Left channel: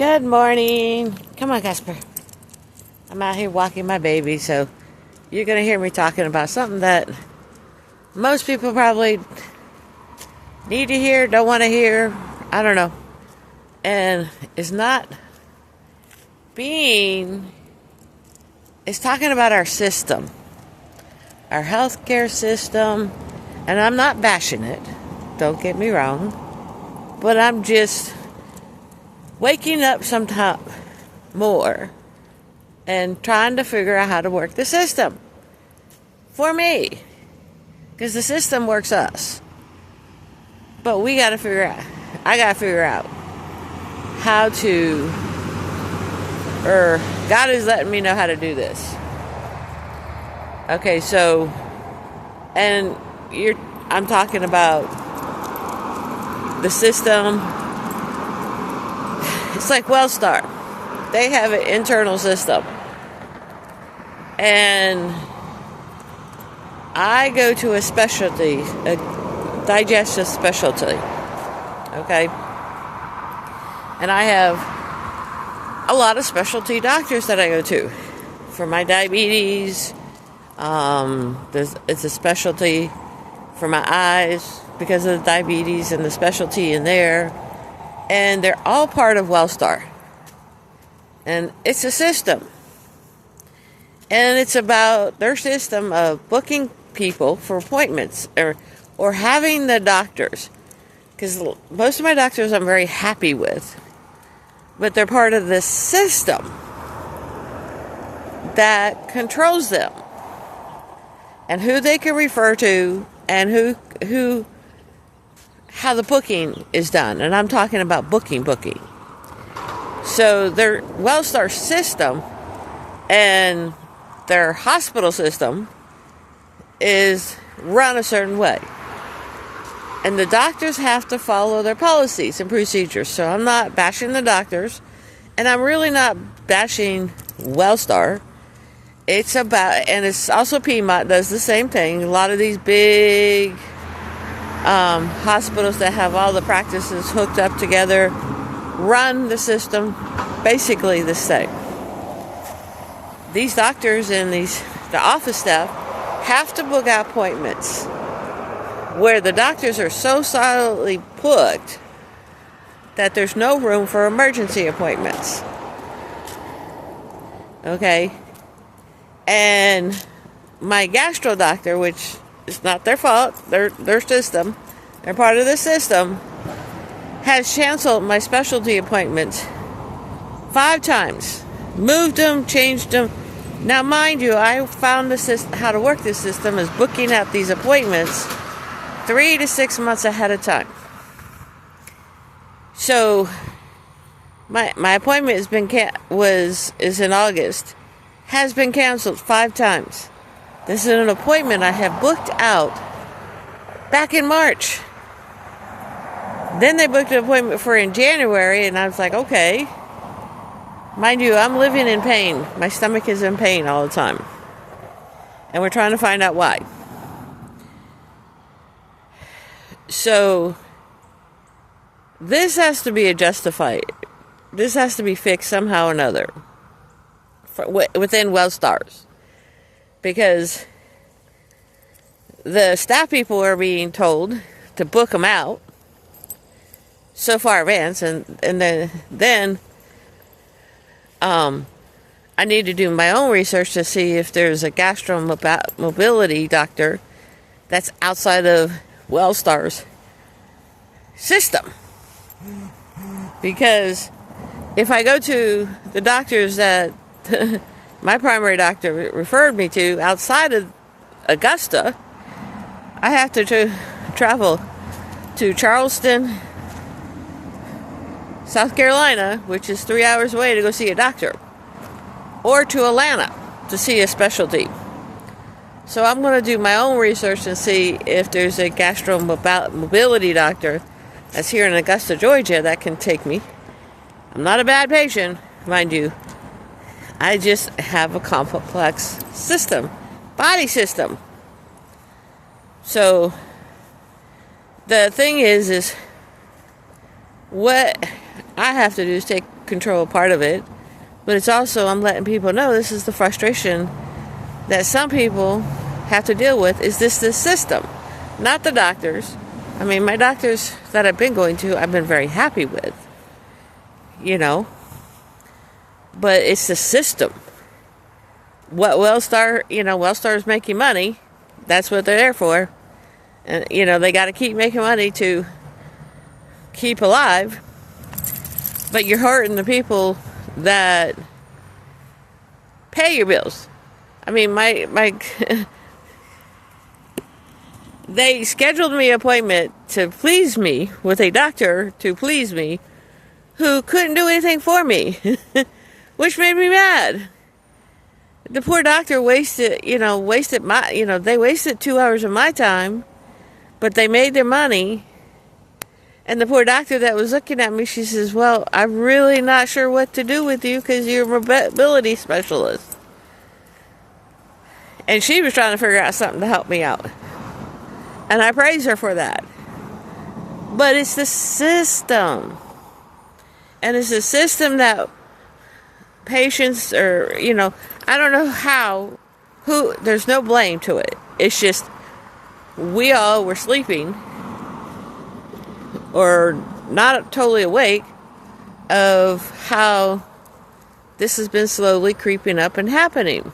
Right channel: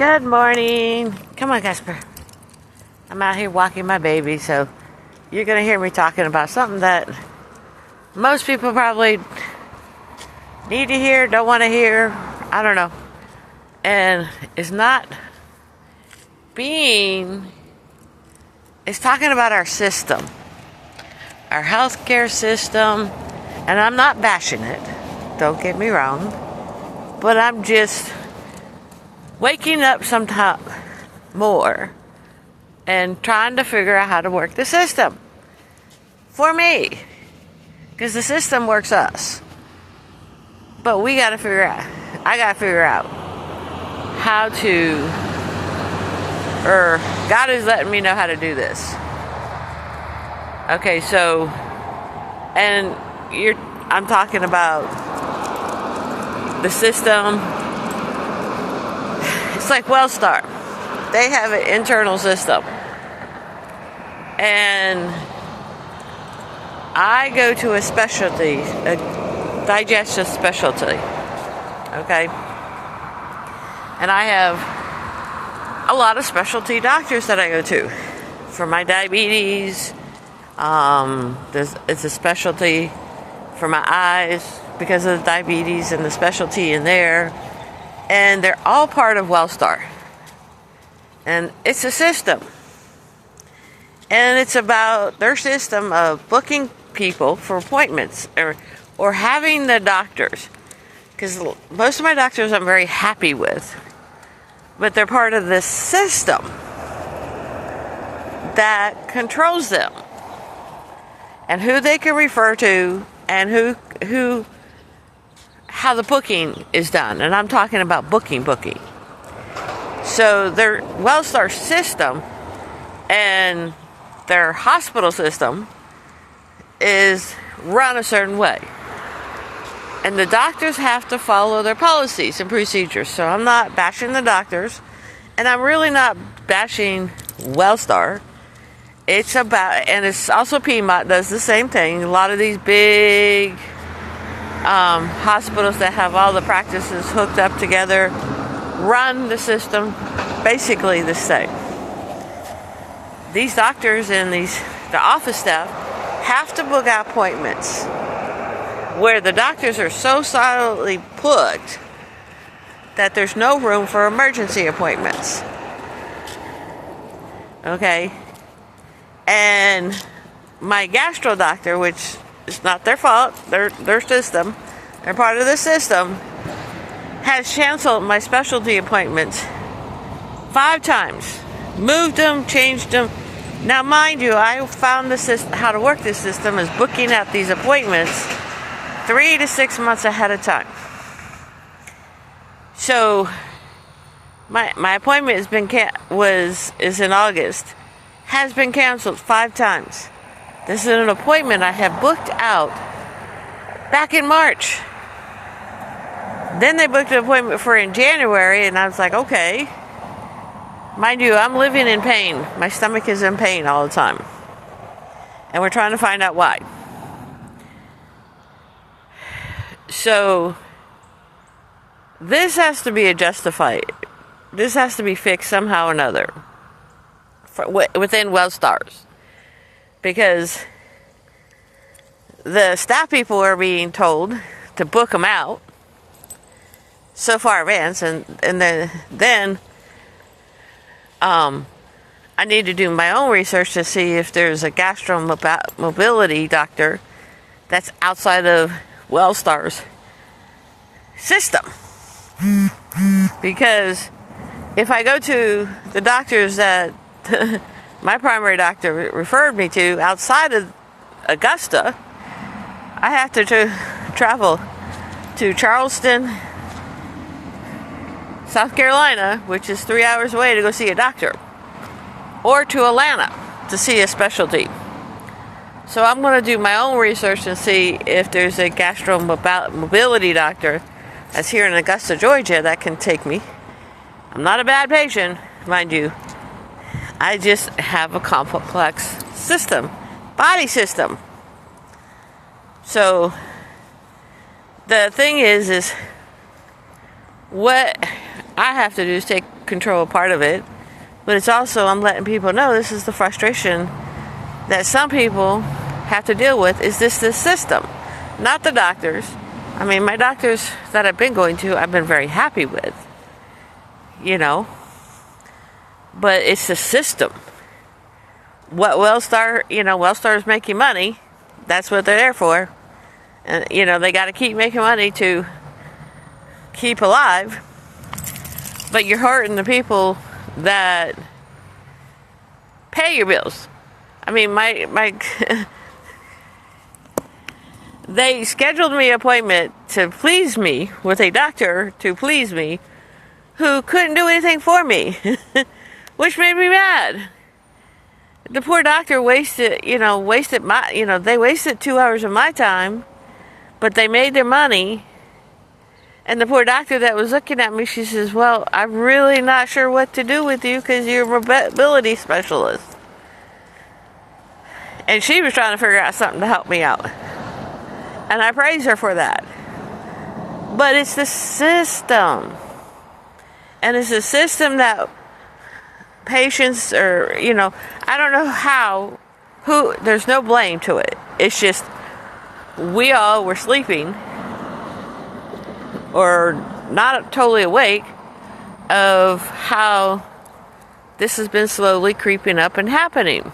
Good morning. Come on, Casper. I'm out here walking my baby, so you're going to hear me talking about something that most people probably need to hear, don't want to hear, I don't know. And it's talking about our system, our healthcare system, and I'm not bashing it, don't get me wrong, but I'm just waking up sometime more and trying to figure out how to work the system for me, because the system works us, but I gotta figure out how to, or God is letting me know how to do this. Okay, so, and I'm talking about the system. It's like Wellstar. They have an internal system. And I go to a digestive specialty. Okay? And I have a lot of specialty doctors that I go to for my diabetes. It's a specialty for my eyes because of the diabetes and the specialty in there. And they're all part of Wellstar. And it's a system. And it's about their system of booking people for appointments or having the doctors. Because most of my doctors I'm very happy with. But they're part of this system that controls them. And who they can refer to and how the booking is done. And I'm talking about booking. So their Wellstar system and their hospital system is run a certain way. And the doctors have to follow their policies and procedures. So I'm not bashing the doctors. And I'm really not bashing Wellstar. It's about, and it's also Piedmont does the same thing. A lot of these big hospitals that have all the practices hooked up together run the system basically the same. These doctors and the office staff have to book out appointments where the doctors are so solidly booked that there's no room for emergency appointments. Okay? And my gastro doctor, which is not their fault, their system, they're part of the system, has canceled my specialty appointments 5 times. Moved them, changed them. Now, mind you, I found how to work this system is booking out these appointments 3 to 6 months ahead of time. So, my appointment is in August. Has been canceled 5 times. This is an appointment I have booked out back in March. Then they booked an appointment for in January, and I was like, okay. Mind you, I'm living in pain. My stomach is in pain all the time. And we're trying to find out why. So, this has to be justified. This has to be fixed somehow or another within Wellstars. Because the staff people are being told to book them out so far advanced, and then I need to do my own research to see if there's a gastromobility doctor that's outside of Wellstar's system. Because if I go to the doctors that my primary doctor referred me to outside of Augusta, I have to travel to Charleston, South Carolina, which is 3 hours away, to go see a doctor, or to Atlanta to see a specialty. So I'm going to do my own research and see if there's a gastromobility doctor that's here in Augusta, Georgia, that can take me. I'm not a bad patient, mind you. I just have a complex system, body system. So the thing is what I have to do is take control part of it, but it's also I'm letting people know this is the frustration that some people have to deal with. Is this system, not the doctors. I mean, my doctors that I've been going to, I've been very happy with, but it's the system. What Wellstar is making money. That's what they're there for. And, they got to keep making money to keep alive. But you're hurting the people that pay your bills. I mean, my they scheduled me an appointment to please me with a doctor to please me who couldn't do anything for me, which made me mad. The poor doctor wasted they wasted 2 hours of my time, but they made their money. And the poor doctor that was looking at me, she says, well, I'm really not sure what to do with you because you're a mobility specialist. And she was trying to figure out something to help me out. And I praise her for that. But it's the system. And it's a system that patients are, I don't know there's no blame to it. It's just we all were sleeping or not totally awake of how this has been slowly creeping up and happening.